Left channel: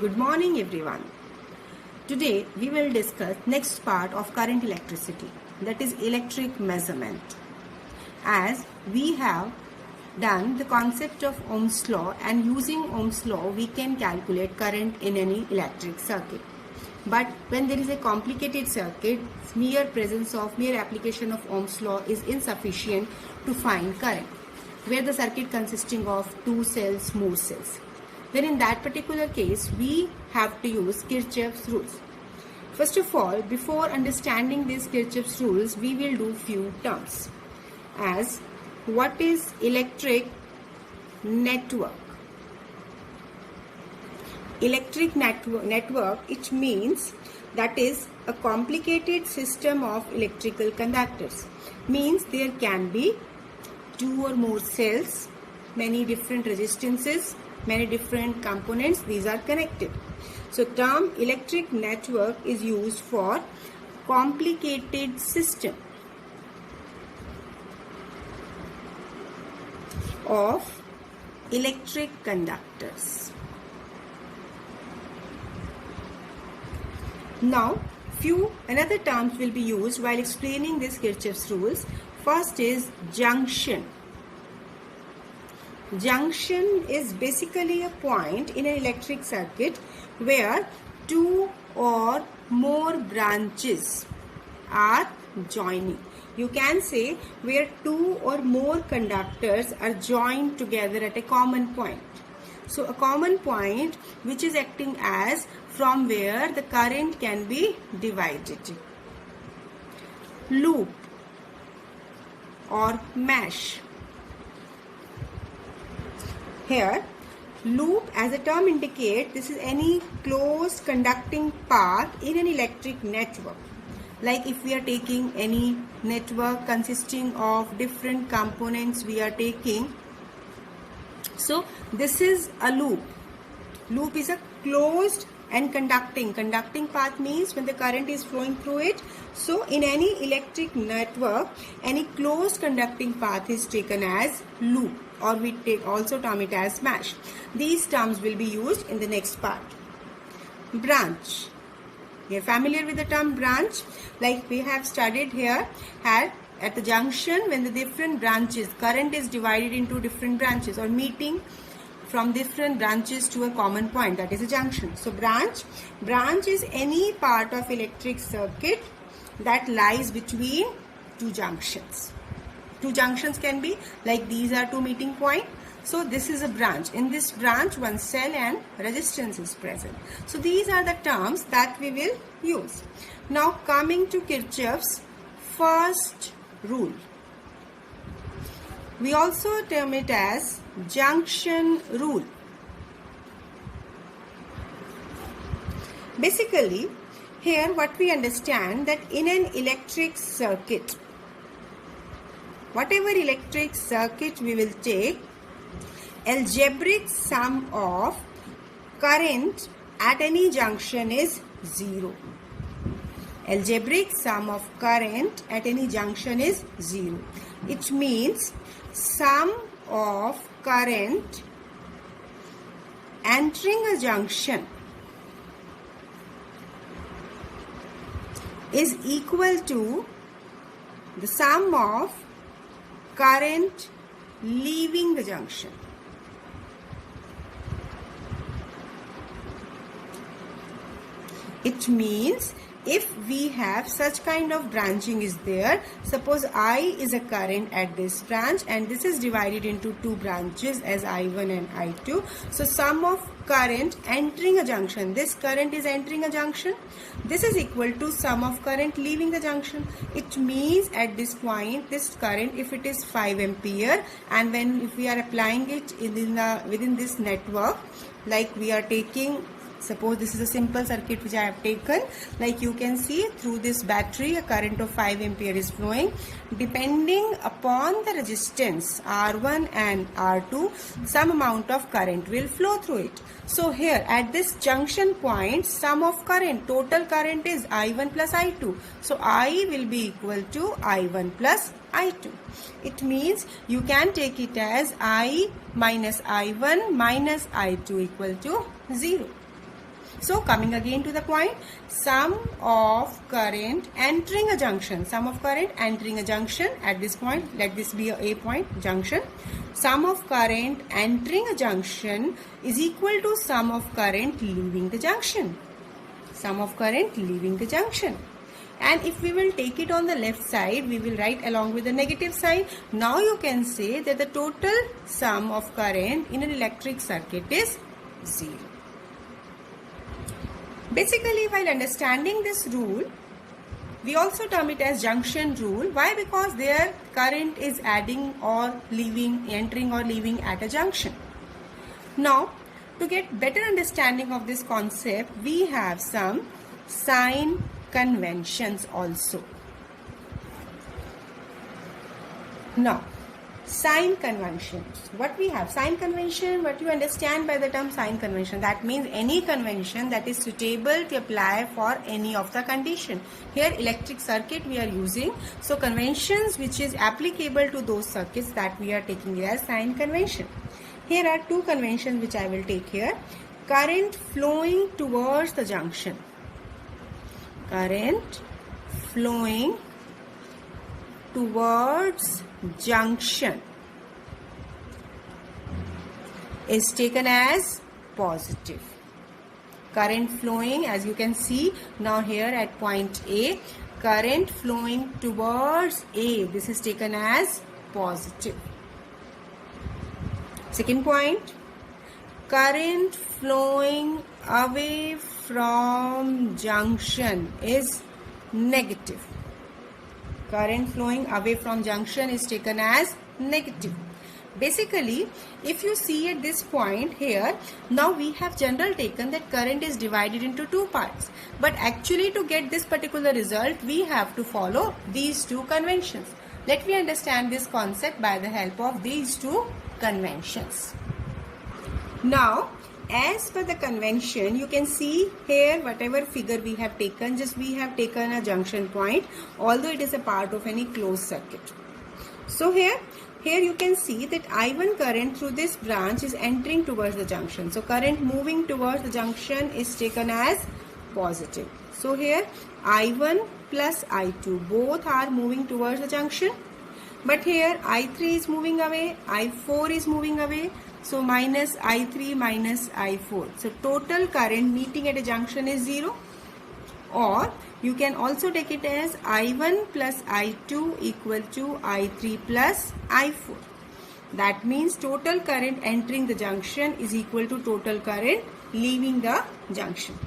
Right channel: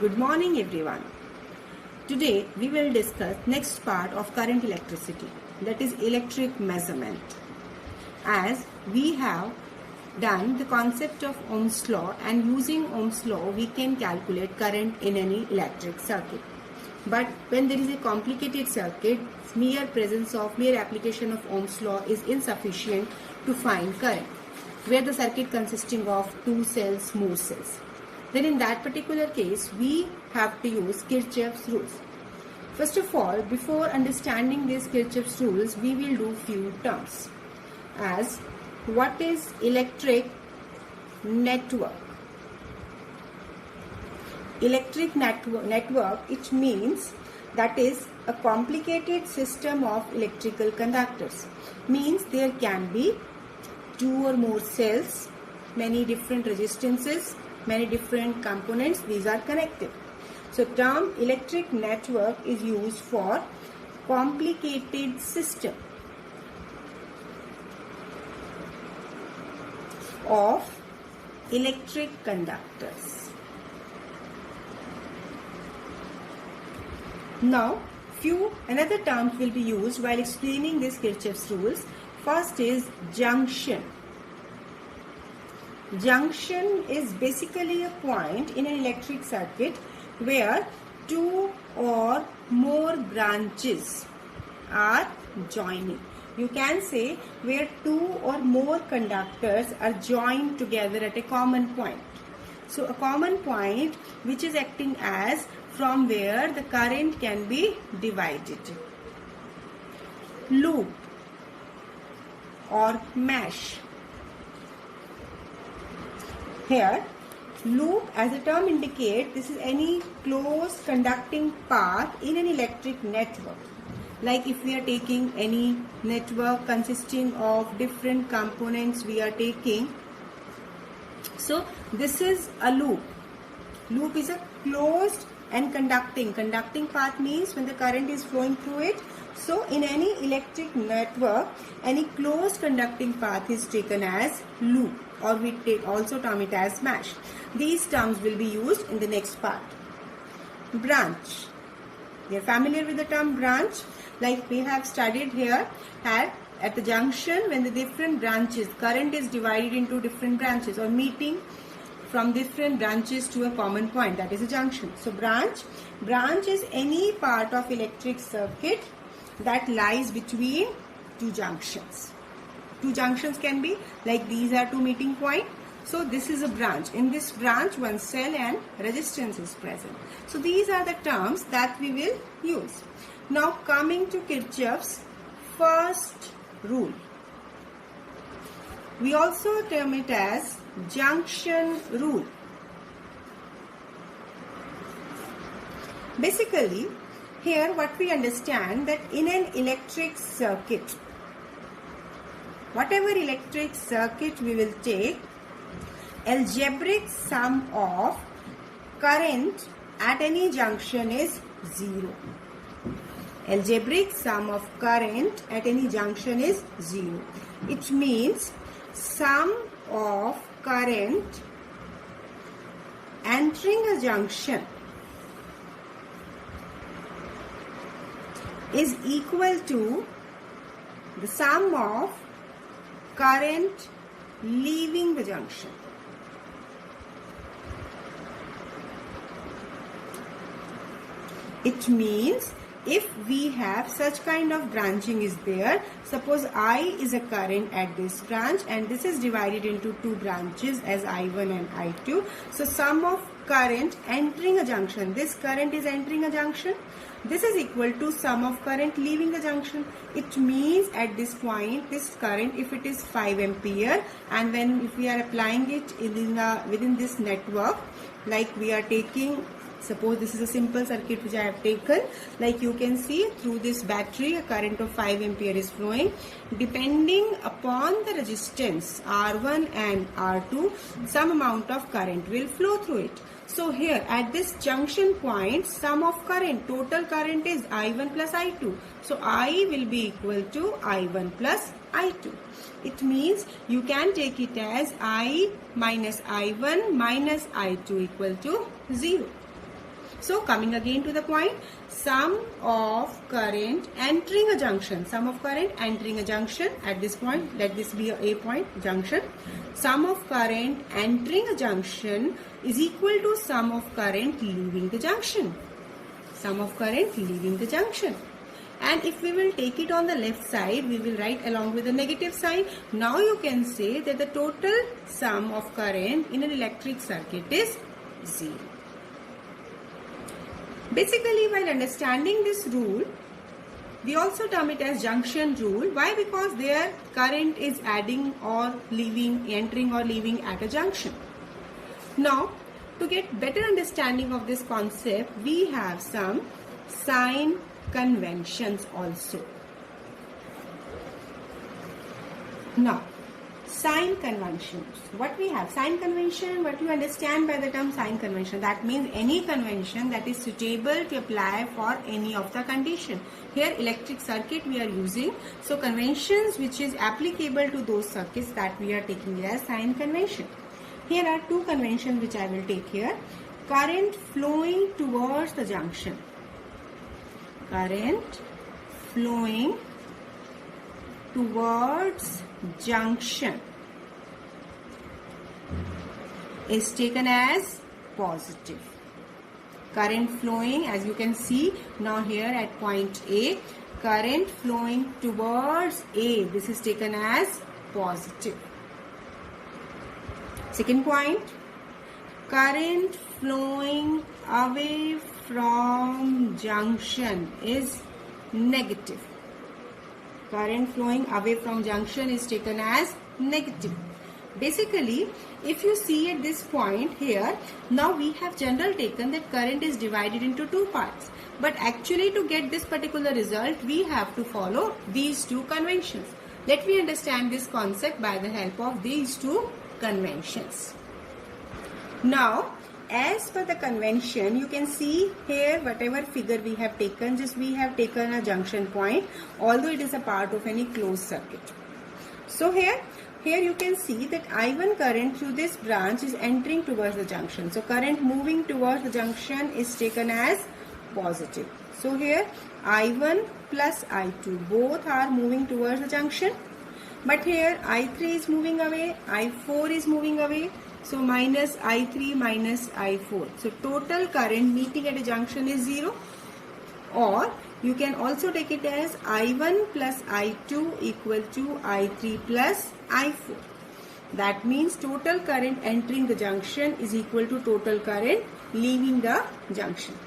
Good morning everyone. Today we will discuss next part of current electricity, that is electric measurement. As we have done the concept of Ohm's law, and using Ohm's law we can calculate current in any electric circuit. But when there is a complicated circuit, mere application of Ohm's law is insufficient to find current, where the circuit consisting of two cells, more cells. Then in that particular case, we have to use Kirchhoff's rules. First of all, before understanding these Kirchhoff's rules, we will do few terms. As what is electric network? Electric network, it means that is a complicated system of electrical conductors. Means there can be two or more cells, many different resistances, many different components, these are connected. So term electric network is used for complicated system of electric conductors. Now another terms will be used while explaining this Kirchhoff's rules. First is junction. Junction is basically a point in an electric circuit where two or more branches are joining. You can say where two or more conductors are joined together at a common point. So a common point which is acting as from where the current can be divided. Loop or mesh. Here, loop as a term indicates this is any closed conducting path in an electric network. Like if we are taking any network consisting of different components we are taking. So this is a loop. Loop is a closed and conducting path means when the current is flowing through it. So in any electric network, any closed conducting path is taken as loop, or we also term it as mesh. These terms will be used in the next part. Branch. You are familiar with the term branch? Like we have studied here at the junction, when the different branches, current is divided into different branches or meeting from different branches to a common point, that is a junction. So branch is any part of electric circuit that lies between two junctions. Two junctions can be like these are two meeting points. So this is a branch. In this branch, one cell and resistance is present. So these are the terms that we will use. Now coming to Kirchhoff's first rule. We also term it as junction rule. Basically, here what we understand that in an electric circuit, whatever electric circuit we will take, algebraic sum of current at any junction is 0. Algebraic sum of current at any junction is 0. It means sum of current entering a junction is equal to the sum of current leaving the junction. It means if we have such kind of branching is there, suppose I is a current at this branch and this is divided into two branches as I1 and I2. So sum of current entering a junction, this current is entering a junction, this is equal to sum of current leaving the junction. It means at this point this current, if it is 5 ampere, and if we are applying it within this network, like we are taking, suppose this is a simple circuit which I have taken, like you can see through this battery a current of 5 ampere is flowing. Depending upon the resistance R1 and R2, some amount of current will flow through it. So here at this junction point, sum of current, total current is I1 plus I2. So I will be equal to I1 plus I2. It means you can take it as I minus I1 minus I2 equal to 0. So coming again to the point, sum of current entering a junction. Sum of current entering a junction at this point, let this be a point, junction. Sum of current entering a junction is equal to sum of current leaving the junction. Sum of current leaving the junction. And if we will take it on the left side, we will write along with the negative side. Now you can say that the total sum of current in an electric circuit is 0. Basically, while understanding this rule, we also term it as junction rule. Why? Because their current is adding or leaving, entering or leaving at a junction. Now, to get better understanding of this concept, we have some sign conventions also. Now, sign conventions. What we have? Sign convention, what you understand by the term sign convention? That means any convention that is suitable to apply for any of the condition. Here electric circuit we are using. So conventions which is applicable to those circuits, that we are taking as sign convention. Here are two conventions which I will take here. Current flowing towards the junction. Current flowing towards junction is taken as positive. Current flowing, as you can see now here at point A, current flowing towards A, this is taken as positive. Second point, current flowing away from junction is negative. Current flowing away from junction is taken as negative. Basically, if you see at this point here, now we have general taken that current is divided into two parts. But actually to get this particular result, we have to follow these two conventions. Let me understand this concept by the help of these two conventions. Now, as per the convention, you can see here whatever figure we have taken, just we have taken a junction point, although it is a part of any closed circuit. So here you can see that I1 current through this branch is entering towards the junction. So current moving towards the junction is taken as positive. So here I1 plus I2 both are moving towards the junction. But here I3 is moving away, I4 is moving away. So minus I3 minus I4. So total current meeting at a junction is 0. Or you can also take it as I1 plus I2 equal to I3 plus I4. That means total current entering the junction is equal to total current leaving the junction.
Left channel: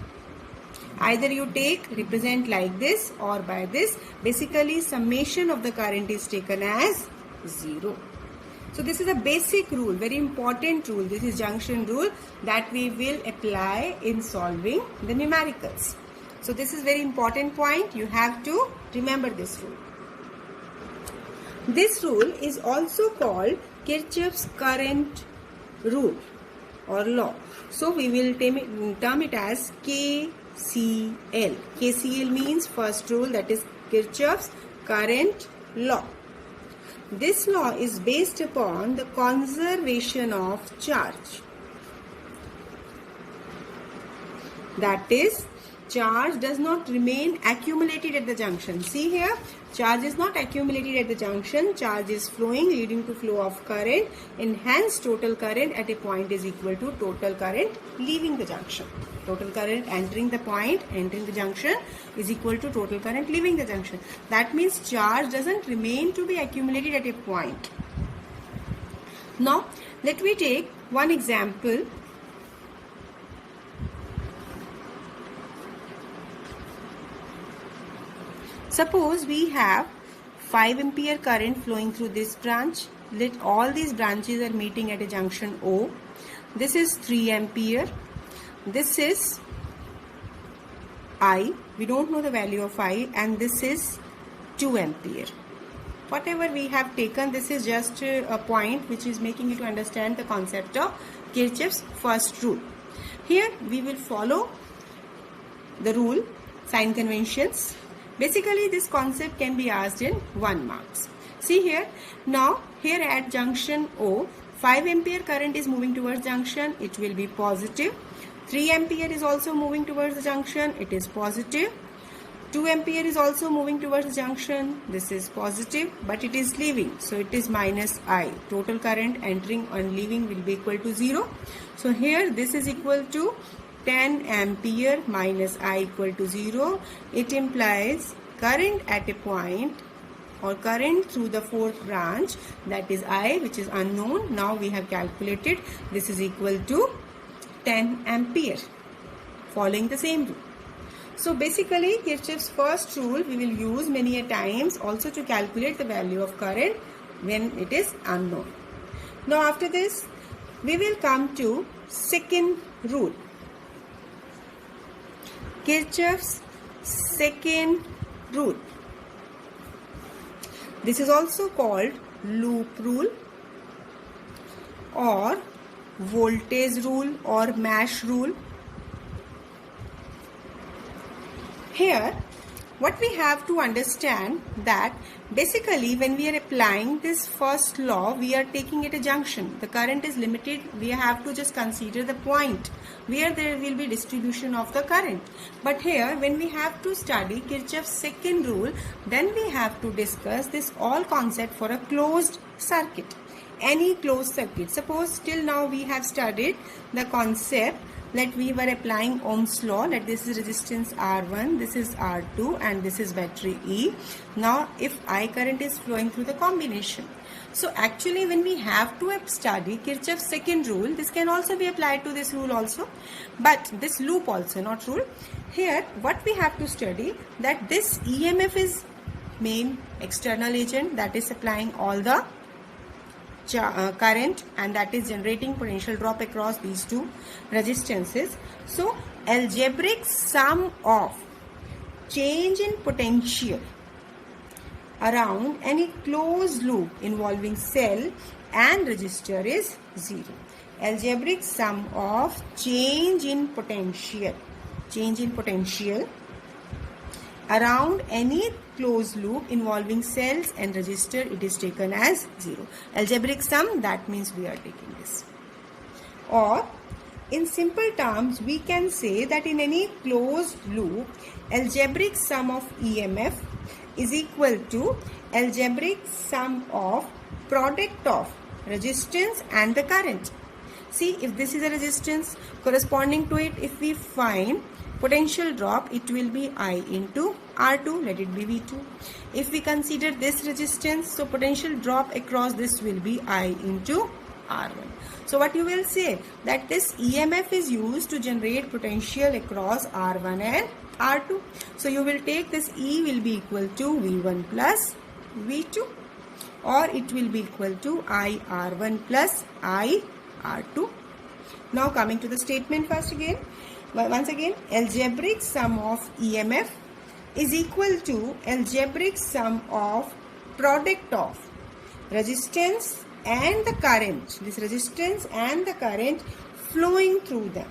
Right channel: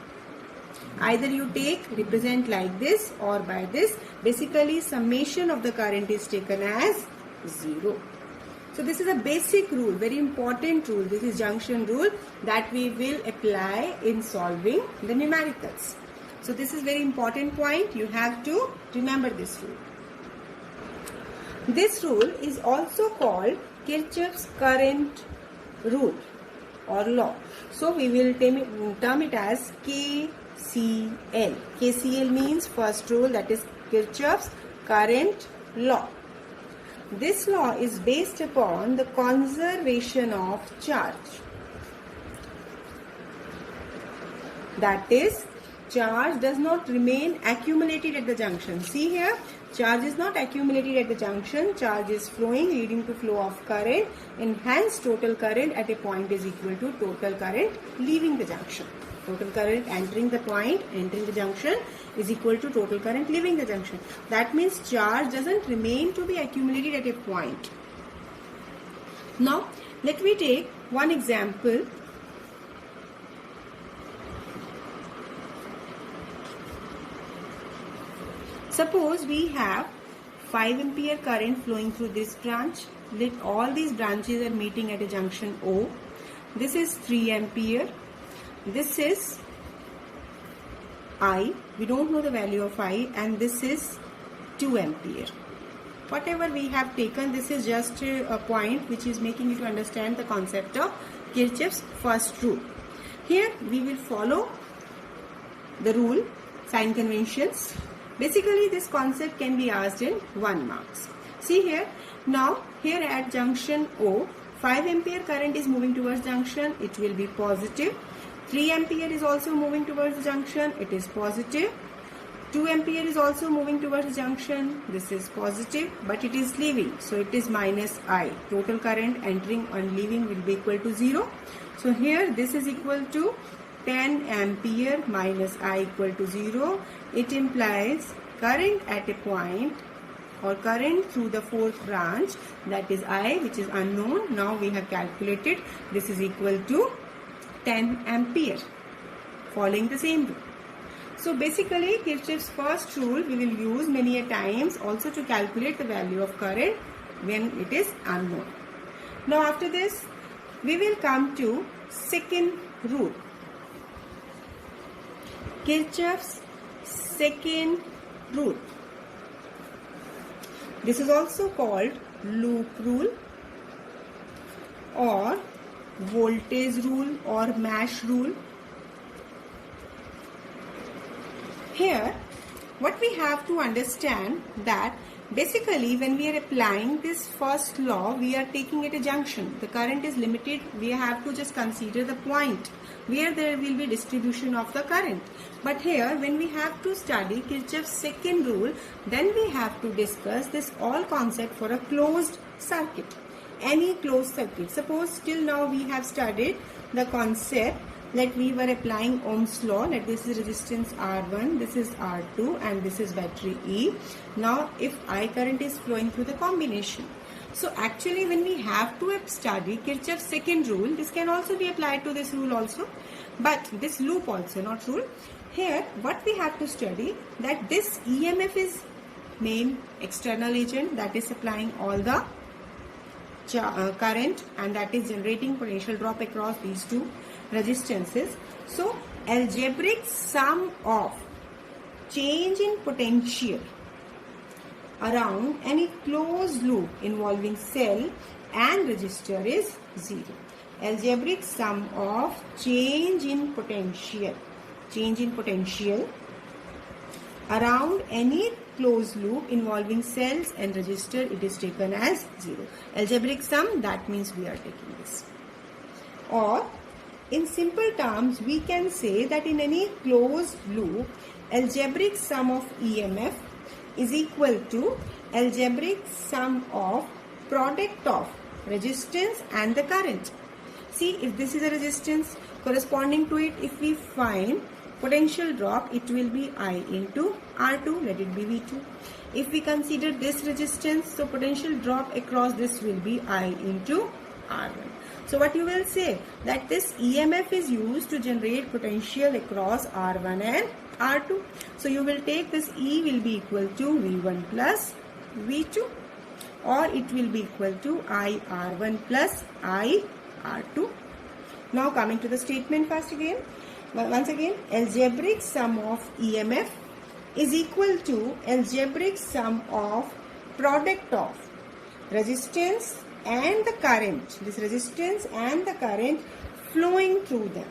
Either you represent like this or by this. Basically, summation of the current is taken as 0. So this is a basic rule, very important rule. This is junction rule that we will apply in solving the numericals. So this is very important point. You have to remember this rule. This rule is also called Kirchhoff's current rule or law. So we will term it as KCL. KCL means first rule, that is Kirchhoff's current law. This law is based upon the conservation of charge. That is, charge does not remain accumulated at the junction. See here, charge is not accumulated at the junction. Charge is flowing, leading to flow of current, and hence total current at a point is equal to total current leaving the junction. Total current entering the point, entering the junction, is equal to total current leaving the junction. That means charge doesn't remain to be accumulated at a point. Now, let me take one example. Suppose we have 5 ampere current flowing through this branch. Let all these branches are meeting at a junction O. This is 3 ampere. This is I. We don't know the value of I, and this is 2 ampere. Whatever we have taken, this is just a point which is making you to understand the concept of Kirchhoff's first rule. Here we will follow the rule, sign conventions. Basically, this concept can be asked in 1 marks. See here, now here at junction O, 5 ampere current is moving towards junction, it will be positive. 3 ampere is also moving towards the junction, it is positive. 2 ampere is also moving towards the junction, this is positive, but it is leaving, so it is minus I. Total current entering and leaving will be equal to 0. So here this is equal to 10 ampere minus I equal to 0. It implies current at a point or current through the fourth branch, that is I, which is unknown. Now we have calculated this is equal to 10 ampere, following the same rule. So basically Kirchhoff's first rule we will use many a times also to calculate the value of current when it is unknown. Now after this we will come to second rule. Kirchhoff's second rule. This is also called loop rule or voltage rule or mesh rule. Here, what we have to understand that basically when we are applying this first law, we are taking it a junction. The current is limited. We have to just consider the point where there will be distribution of the current. But here, when we have to study Kirchhoff's second rule, then we have to discuss this all concept for a closed circuit. Any closed circuit. Suppose till now we have studied the concept that we were applying Ohm's law, that this is resistance R1, this is R2 and this is battery E. Now if I current is flowing through the combination. So actually when we have to study Kirchhoff's second rule, this can also be applied to this rule also, but this loop also, not rule. Here what we have to study, that this EMF is main external agent that is supplying all the current and that is generating potential drop across these two resistances. So algebraic sum of change in potential around any closed loop involving cell and resistor is 0. Algebraic sum of change in potential around any closed loop involving cells and resistor, it is taken as 0. Algebraic sum, that means we are taking this. Or in simple terms, we can say that in any closed loop, algebraic sum of EMF is equal to algebraic sum of product of resistance and the current. See, if this is a resistance, corresponding to it, if we find potential drop, it will be I into R2, let it be V2. If we consider this resistance, so potential drop across this will be I into R1. So what you will say, that this EMF is used to generate potential across R1 and R2. So you will take this E will be equal to V1 plus V2, or it will be equal to I R1 plus I R2. Now coming to the statement once again, algebraic sum of EMF is equal to algebraic sum of product of resistance and the current, this resistance and the current flowing through them.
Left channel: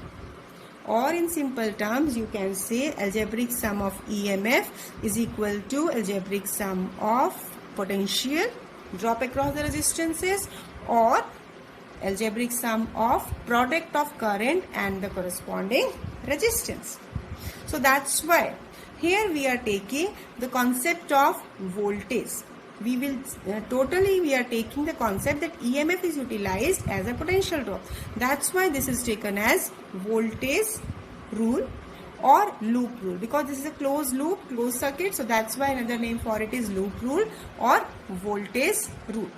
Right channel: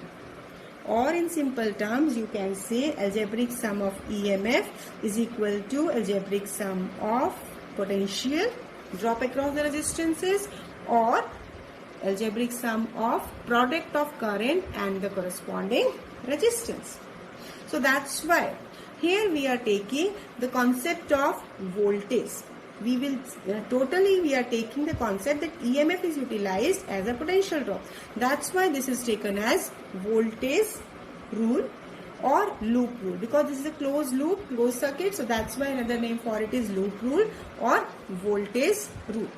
Or in simple terms, you can say algebraic sum of EMF is equal to algebraic sum of potential drop across the resistances, or algebraic sum of product of current and the corresponding resistance. So that's why here we are taking the concept of voltage. We are taking the concept that EMF is utilized as a potential drop. That's why this is taken as voltage rule or loop rule, because this is a closed loop, closed circuit. So that's why another name for it is loop rule or voltage rule.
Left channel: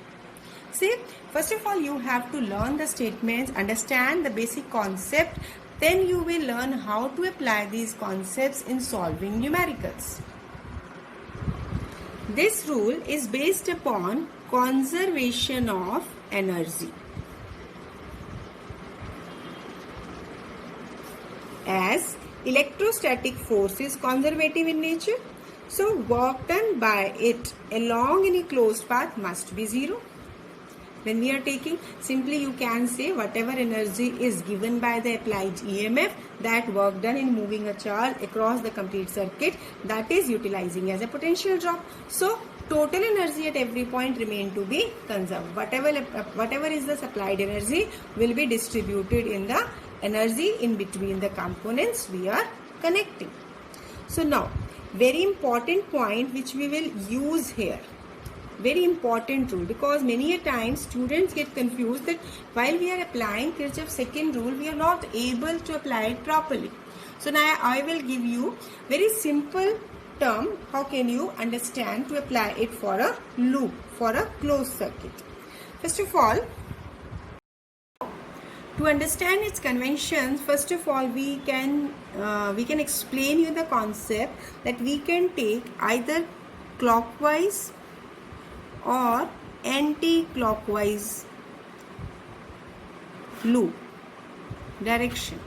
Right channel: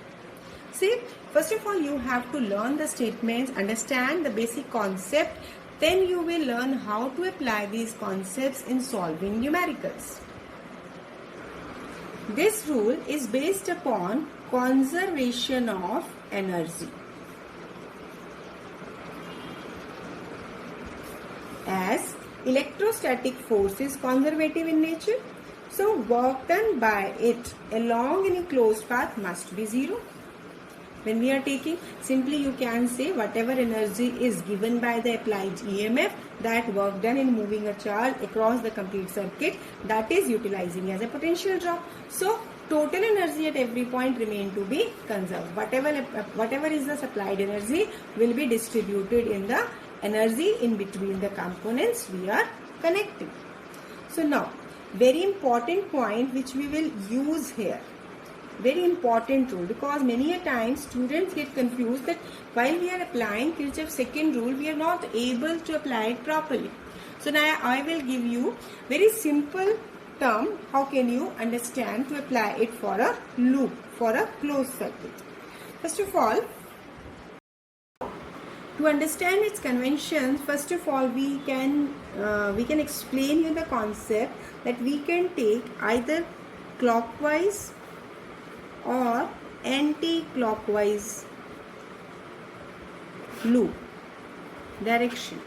See, first of all, you have to learn the statements, understand the basic concept, then you will learn how to apply these concepts in solving numericals. This rule is based upon conservation of energy. As electrostatic force is conservative in nature, so work done by it along any closed path must be 0. When we are taking, simply you can say whatever energy is given by the applied EMF, that work done in moving a charge across the complete circuit, that is utilizing as a potential drop. So total energy at every point remain to be conserved. Whatever is the supplied energy will be distributed in the energy in between the components we are connecting. So now, very important point which we will use here. Very important rule, because many a times students get confused that while we are applying Kirchhoff's second rule, we are not able to apply it properly. So now I will give you very simple term, how can you understand to apply it for a loop, for a closed circuit. First of all, to understand its conventions, first of all we can explain you the concept that we can take either clockwise or anti-clockwise loop direction.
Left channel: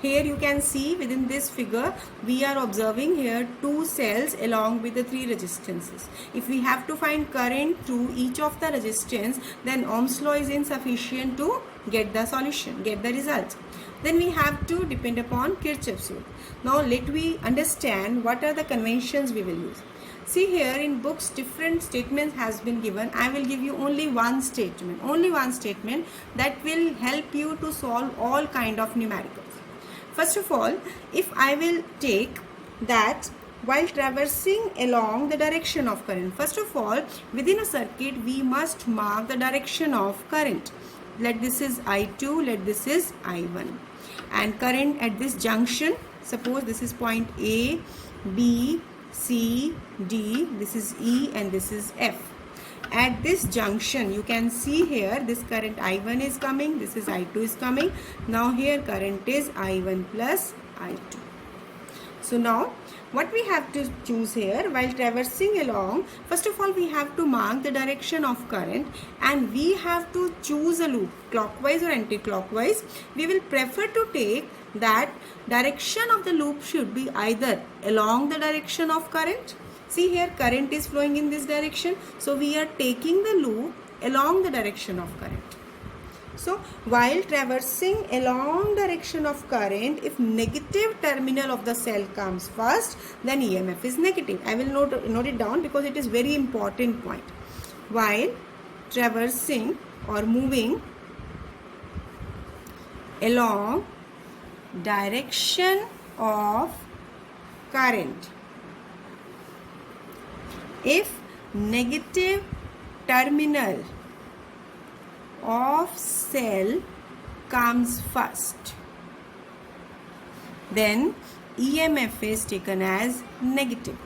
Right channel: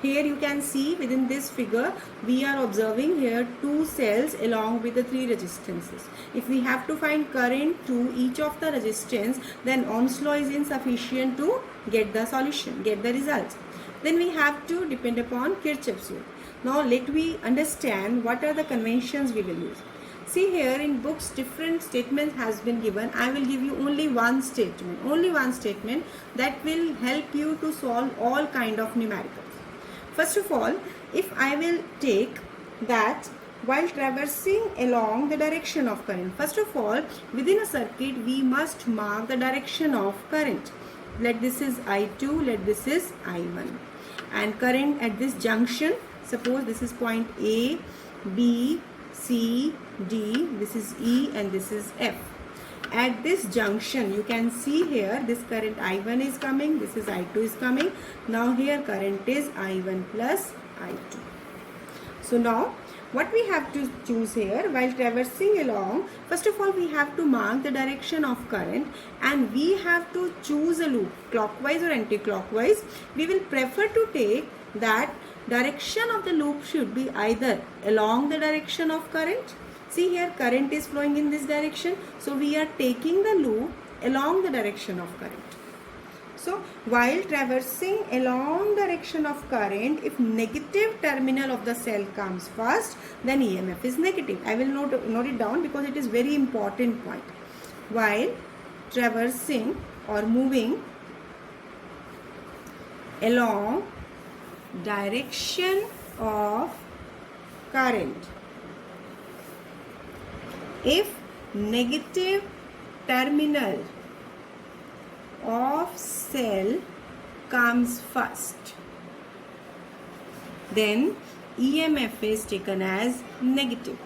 Here you can see within this figure we are observing here two cells along with the three resistances. If we have to find current through each of the resistance, then Ohm's law is insufficient to get the solution, get the results. Then we have to depend upon Kirchhoff's law. Now let me understand what are the conventions we will use. See here in books different statements has been given. I will give you only one statement that will help you to solve all kind of numericals. First of all, if I will take that while traversing along the direction of current, first of all within a circuit we must mark the direction of current. Let this is I2, let this is I1, and current at this junction, suppose this is point A, B, C, D, this is E and this is F. At this junction you can see here this current I1 is coming, this is I2 is coming. Now here current is I1 plus I2. So now what we have to choose here while traversing along, first of all we have to mark the direction of current and we have to choose a loop, clockwise or anti-clockwise. We will prefer to take that direction of the loop should be either along the direction of current. See here current is flowing in this direction, so we are taking the loop along the direction of current. So while traversing along direction of current, if negative terminal of the cell comes first, then EMF is negative. I will note it down because it is very important point. While traversing or moving along direction of current, if negative terminal of cell comes first, then EMF is taken as negative.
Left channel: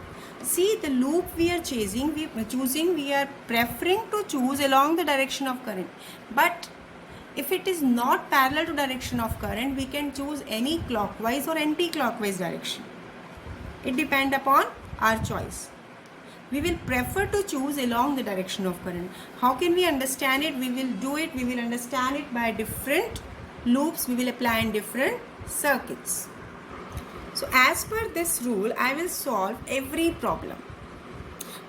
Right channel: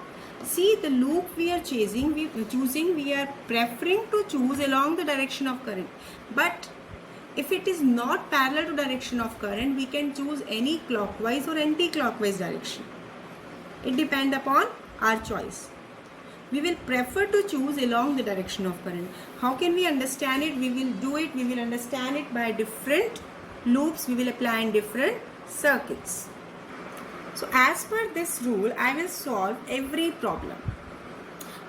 See the loop we are choosing, we are preferring to choose along the direction of current. But if it is not parallel to direction of current, we can choose any clockwise or anti-clockwise direction. It depends upon our choice. We will prefer to choose along the direction of current. How can we understand it? We will understand it by different loops we will apply in different circuits. So as per this rule, I will solve every problem.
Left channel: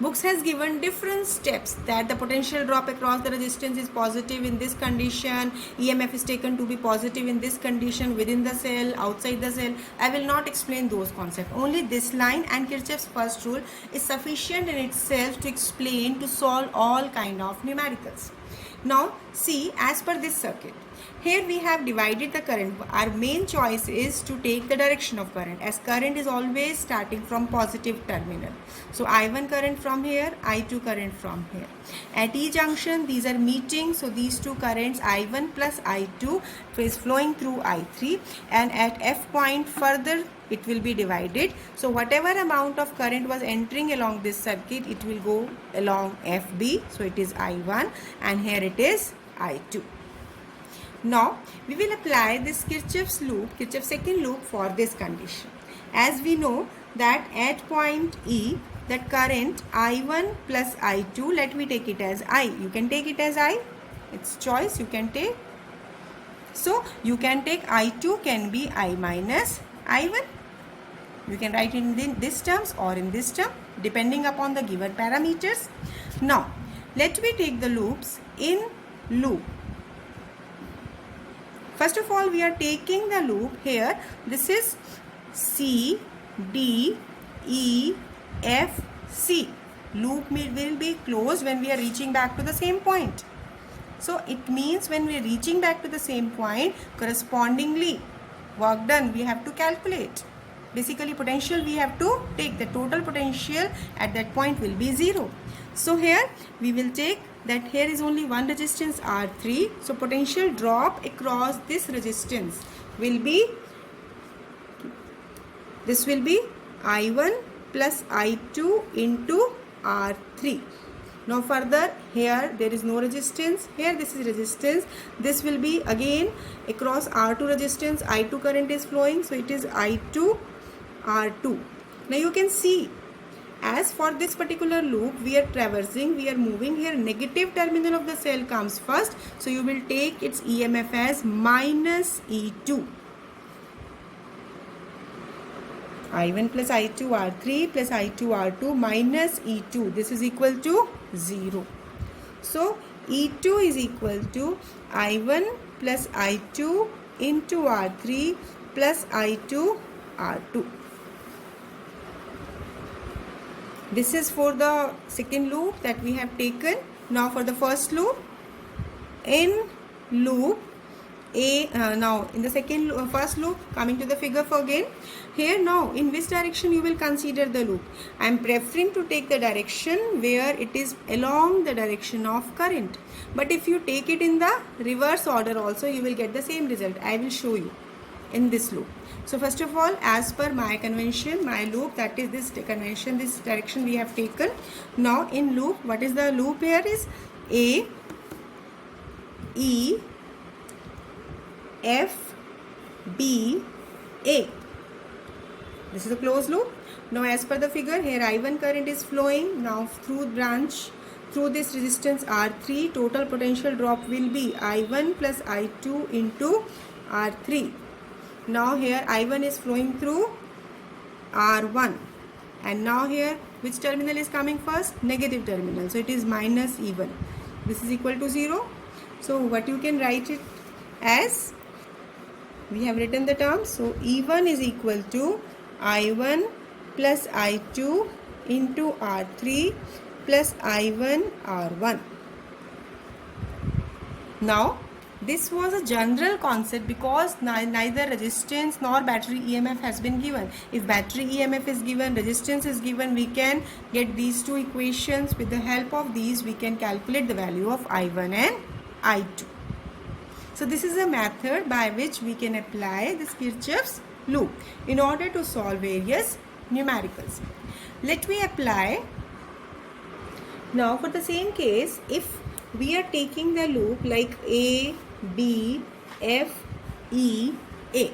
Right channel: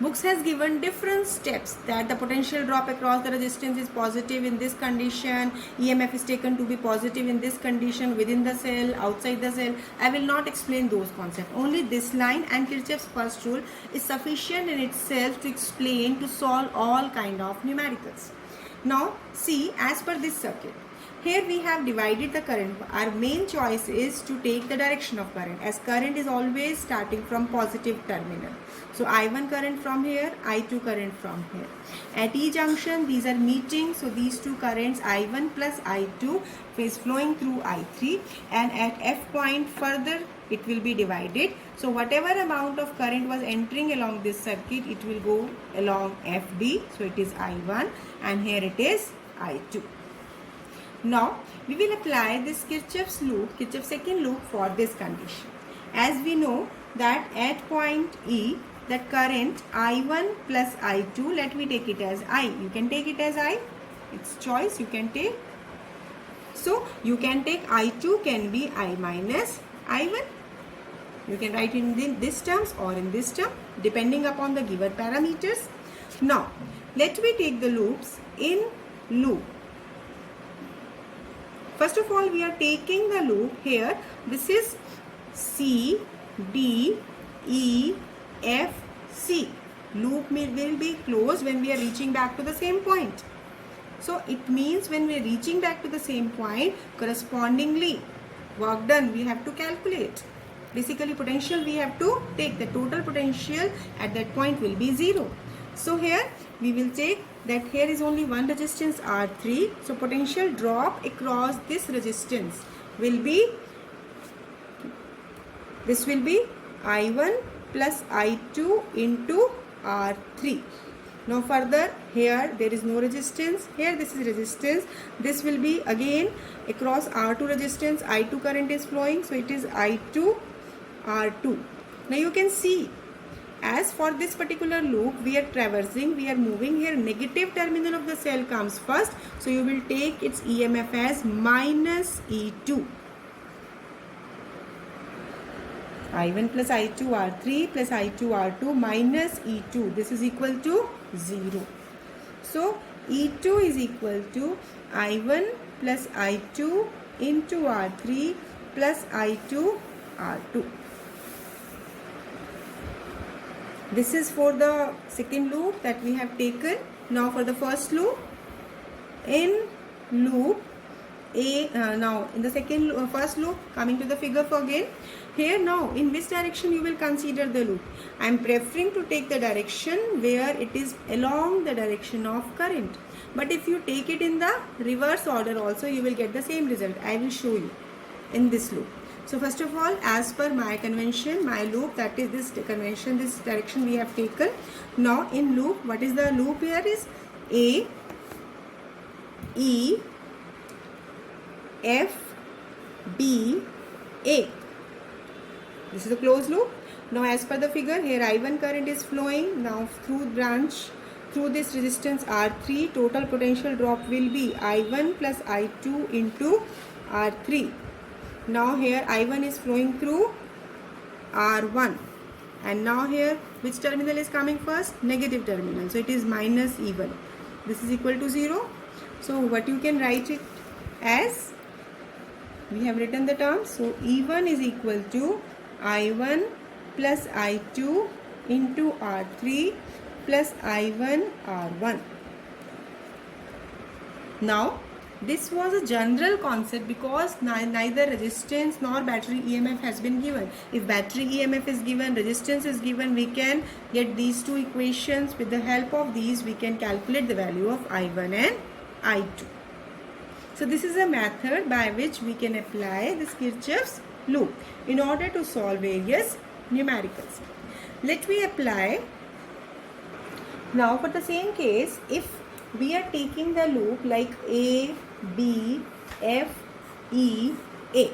Books has given different steps that the potential drop across the resistance is positive in this condition, EMF is taken to be positive in this condition, within the cell, outside the cell. I will not explain those concepts. Only this line and Kirchhoff's first rule is sufficient in itself to explain, to solve all kind of numericals. Now see, as per this circuit, here we have divided the current. Our main choice is to take the direction of current, as current is always starting from positive terminal. So I1 current from here, I2 current from here. At E junction these are meeting, so these two currents I1 plus I2 is flowing through I3, and at F point further it will be divided. So whatever amount of current was entering along this circuit, it will go along FB, so it is I1, and here it is I2. Now we will apply this Kirchhoff's loop, Kirchhoff's second loop for this condition. As we know that at point E, the current I1 plus I2, let me take it as I. You can take it as I. It's choice you can take. So you can take I2 can be I minus I1. You can write in this terms or in this term depending upon the given parameters. Now let me take the loops in loop. First of all, we are taking the loop here. This is C, D, E, F, C. Loop will be closed when we are reaching back to the same point. So it means when we are reaching back to the same point, correspondingly work done we have to calculate. Basically potential we have to take, the total potential at that point will be 0. So here we will take that here is only one resistance R3. So potential drop across this resistance will be, this will be I1 plus I2 into R3. Now further here there is no resistance, here this is resistance, this will be again across R2 resistance, I2 current is flowing, so it is I2 R2. Now you can see, as for this particular loop we are traversing, we are moving here, negative terminal of the cell comes first, so you will take its EMF as minus E2. I1 plus I2 R3 plus I2 R2 minus E2, this is equal to 0. So E2 is equal to I1 plus I2 into R3 plus I2 R2. This is for the second loop that we have taken. Now for the first loop, in loop A, now in the first loop, coming to the figure for again, here now in which direction you will consider the loop. I am preferring to take the direction where it is along the direction of current. But if you take it in the reverse order also, you will get the same result. I will show you in this loop. So first of all, as per my convention, my loop, that is this convention, this direction we have taken. Now in loop, what is the loop here is A, E, F, B, A. This is the closed loop. Now as per the figure, here I1 current is flowing. Now through branch, through this resistance R3, total potential drop will be I1 plus I2 into R3. Now here I1 is flowing through R1, and now here which terminal is coming first? Negative terminal, so it is minus E1. This is equal to 0. So what you can write it as, we have written the terms. So E1 is equal to I1 plus I2 into R3 plus I1 R1. Now this was a general concept because neither resistance nor battery EMF has been given. If battery EMF is given, resistance is given, we can get these two equations. With the help of these, we can calculate the value of I1 and I2. So this is a method by which we can apply this Kirchhoff's loop in order to solve various numericals. Let me apply. Now for the same case, if we are taking the loop like A, B, F, E, A.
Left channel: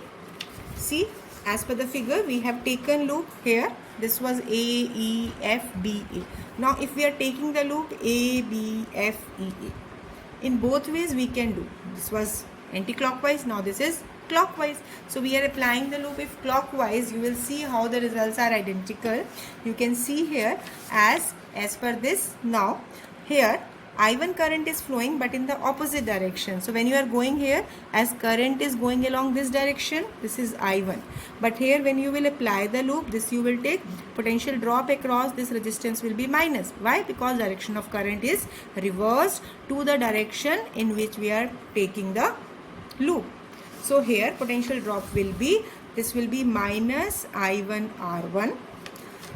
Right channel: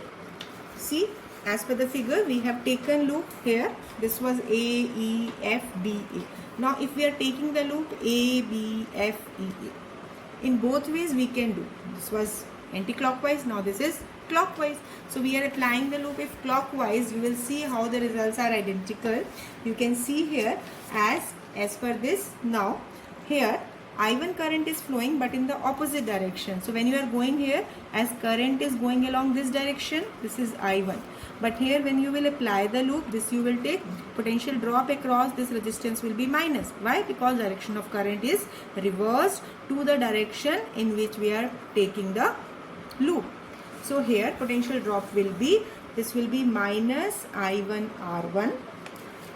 See, as per the figure, we have taken loop here. This was A, E, F, B, A. Now if we are taking the loop A, B, F, E, A. In both ways we can do. This was anti-clockwise, now this is clockwise. So we are applying the loop. If clockwise, you will see how the results are identical. You can see here as per this. Now here I1 current is flowing but in the opposite direction. So when you are going here, as current is going along this direction, this is I1. But here when you will apply the loop, this you will take potential drop across this resistance will be minus. Why? Because direction of current is reversed to the direction in which we are taking the loop. So here potential drop will be, this will be minus I1 R1.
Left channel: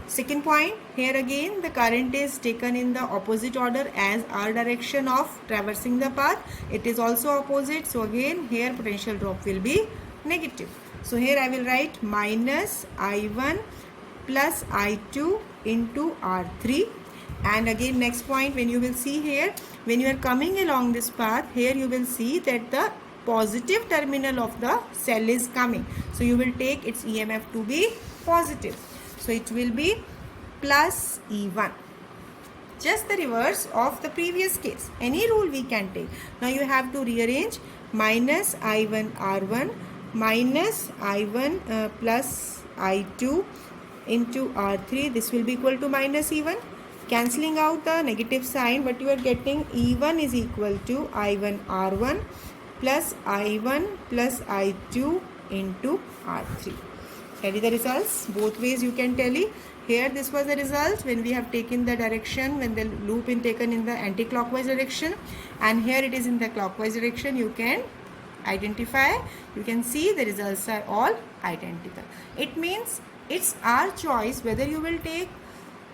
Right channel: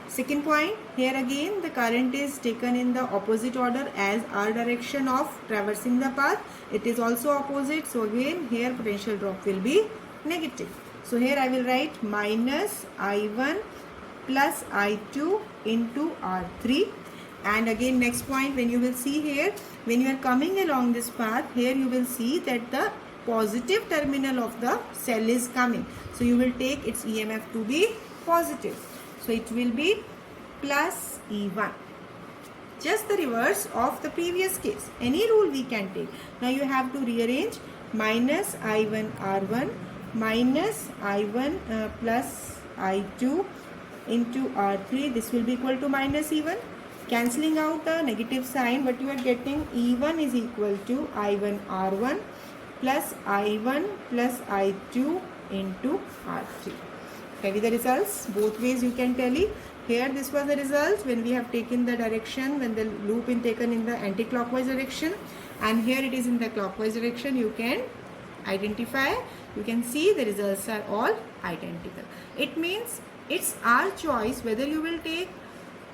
Second point, here again the current is taken in the opposite order as our direction of traversing the path. It is also opposite. So again here potential drop will be negative. So here I will write minus I1 plus I2 into R3. And again next point, when you will see here, when you are coming along this path, here you will see that the positive terminal of the cell is coming. So you will take its EMF to be positive. So it will be plus E1. Just the reverse of the previous case. Any rule we can take. Now you have to rearrange minus I1 R1 minus I1 plus I2 into R3. This will be equal to minus E1. Cancelling out the negative sign, but you are getting E1 is equal to I1 R1 plus I1 plus I2 into R3. Tally the results. Both ways you can tally. Here this was the result when we have taken the direction, when the loop is taken in the anti-clockwise direction. and here it is in the clockwise direction. You can identify, you can see the results are all identical. It means it's our choice whether you will take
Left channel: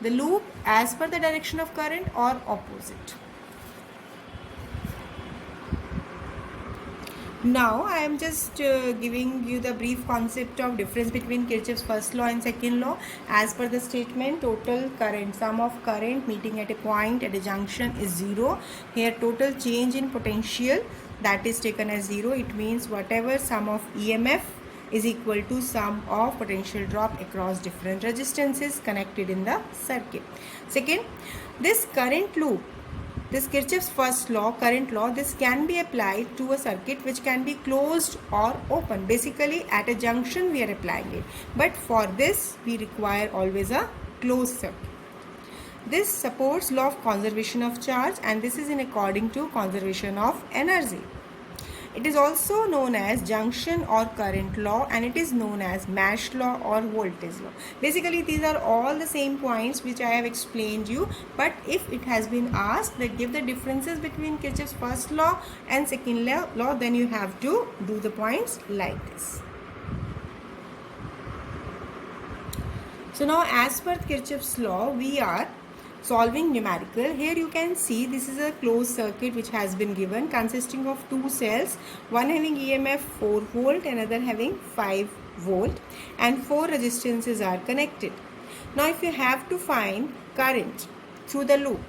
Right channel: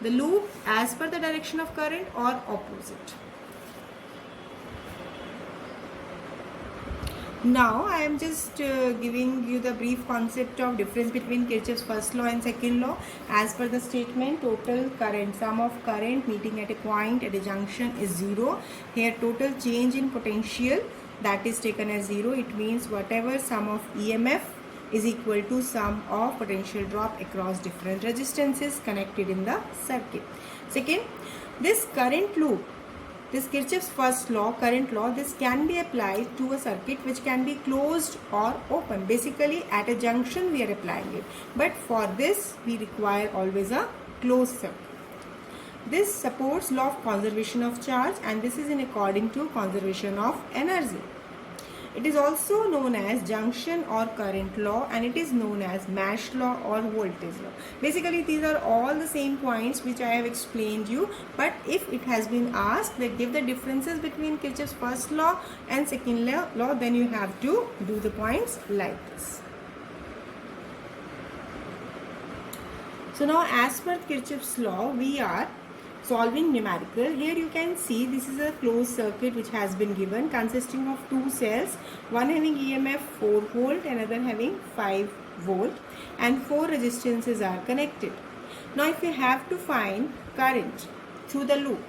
the loop as per the direction of current or opposite. Now I am just giving you the brief concept of difference between Kirchhoff's first law and second law. As per the statement, total current, sum of current meeting at a point at a junction is 0. Here total change in potential, that is taken as 0. It means whatever sum of EMF is equal to sum of potential drop across different resistances connected in the circuit. Second, this current loop, this Kirchhoff's first law, current law, this can be applied to a circuit which can be closed or open. Basically at a junction we are applying it, but for this we require always a closed circuit. This supports law of conservation of charge, and this is in according to conservation of energy. It is also known as junction or current law, and it is known as Mash law or voltage law. Basically these are all the same points which I have explained you, but if it has been asked that give the differences between Kirchhoff's first law and second law, then you have to do the points like this. So now as per Kirchhoff's law, we are solving numerical. Here you can see this is a closed circuit which has been given, consisting of two cells, one having EMF 4 volt, another having 5 volt, and 4 resistances are connected. Now if you have to find current through the loop,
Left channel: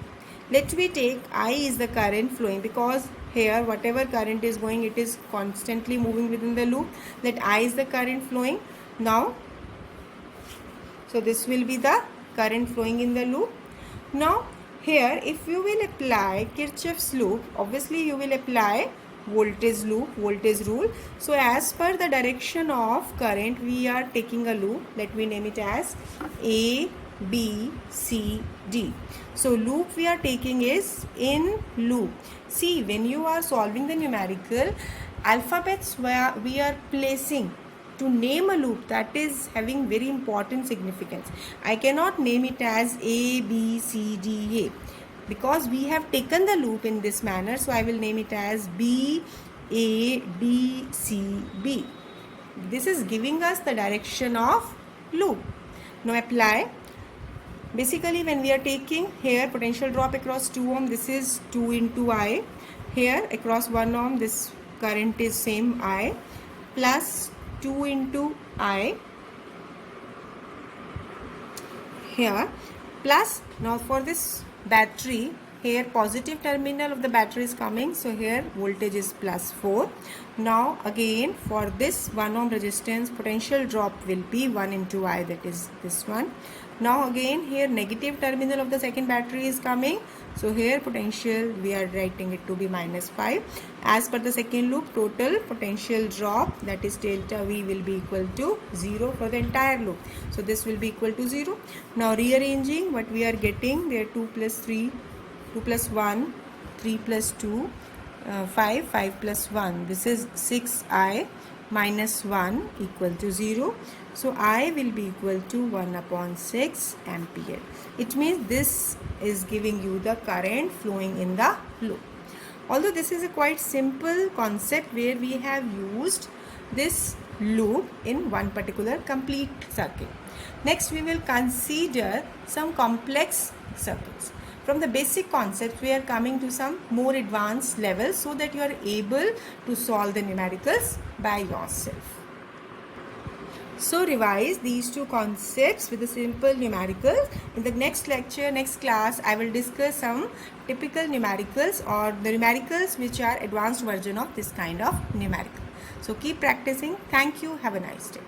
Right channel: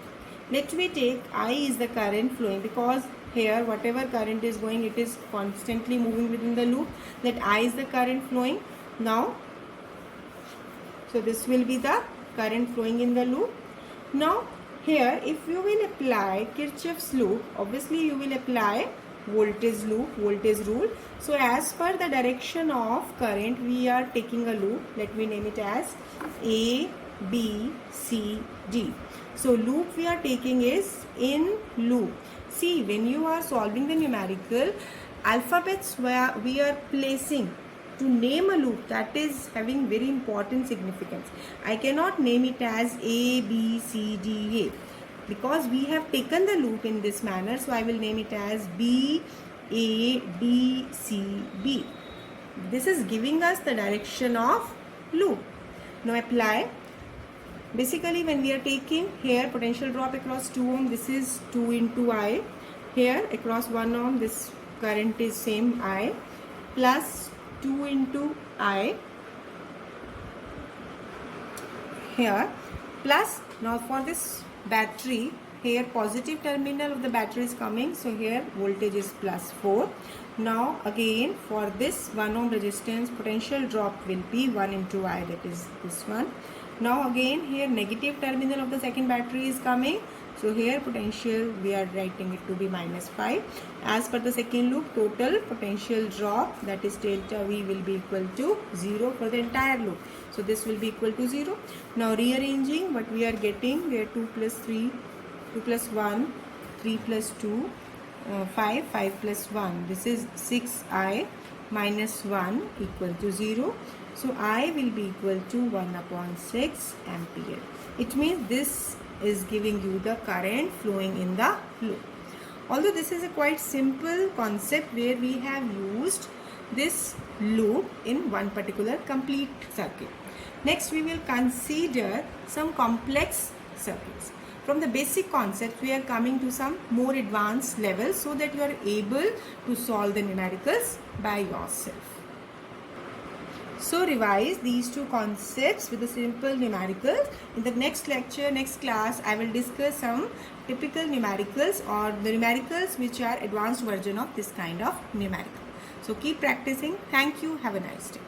let me take I is the current flowing, because here whatever current is going, it is constantly moving within the loop. Let I is the current flowing. Now so this will be the current flowing in the loop. Now here if you will apply Kirchhoff's loop, obviously you will apply voltage loop, voltage rule. So as per the direction of current we are taking a loop. Let me name it as A, B, C, D. So loop we are taking is in loop. See, when you are solving the numerical, alphabets where we are placing to name a loop, that is having very important significance. I cannot name it as A, B, C, D, A, because we have taken the loop in this manner. So I will name it as B, A, D, C, B. This is giving us the direction of loop. Now apply. Basically when we are taking here potential drop across 2 ohm, this is 2 into I. Here across 1 ohm, this current is same I, plus 2 into I here, plus now for this battery, here positive terminal of the battery is coming, so here voltage is plus 4. Now again for this 1 ohm resistance, potential drop will be 1 into I, that is this one. Now again here negative terminal of the second battery is coming, so here potential we are writing it to be minus 5. As per the second loop, total potential drop, that is delta V, will be equal to 0 for the entire loop. So this will be equal to 0. Now rearranging, what we are getting, there 2 plus 3, 2 plus 1, 3 plus 2, 5, 5 plus 1. This is 6I minus 1 equal to 0. So I will be equal to 1 upon 6 ampere. It means this is giving you the current flowing in the loop. Although this is a quite simple concept where we have used this loop in one particular complete circuit. Next we will consider some complex circuits. From the basic concept we are coming to some more advanced levels so that you are able to solve the numericals by yourself. So revise these two concepts with the simple numericals. In the next lecture, next class, I will discuss some typical numericals or the numericals which are advanced version of this kind of numerical. So keep practicing. Thank you. Have a nice day.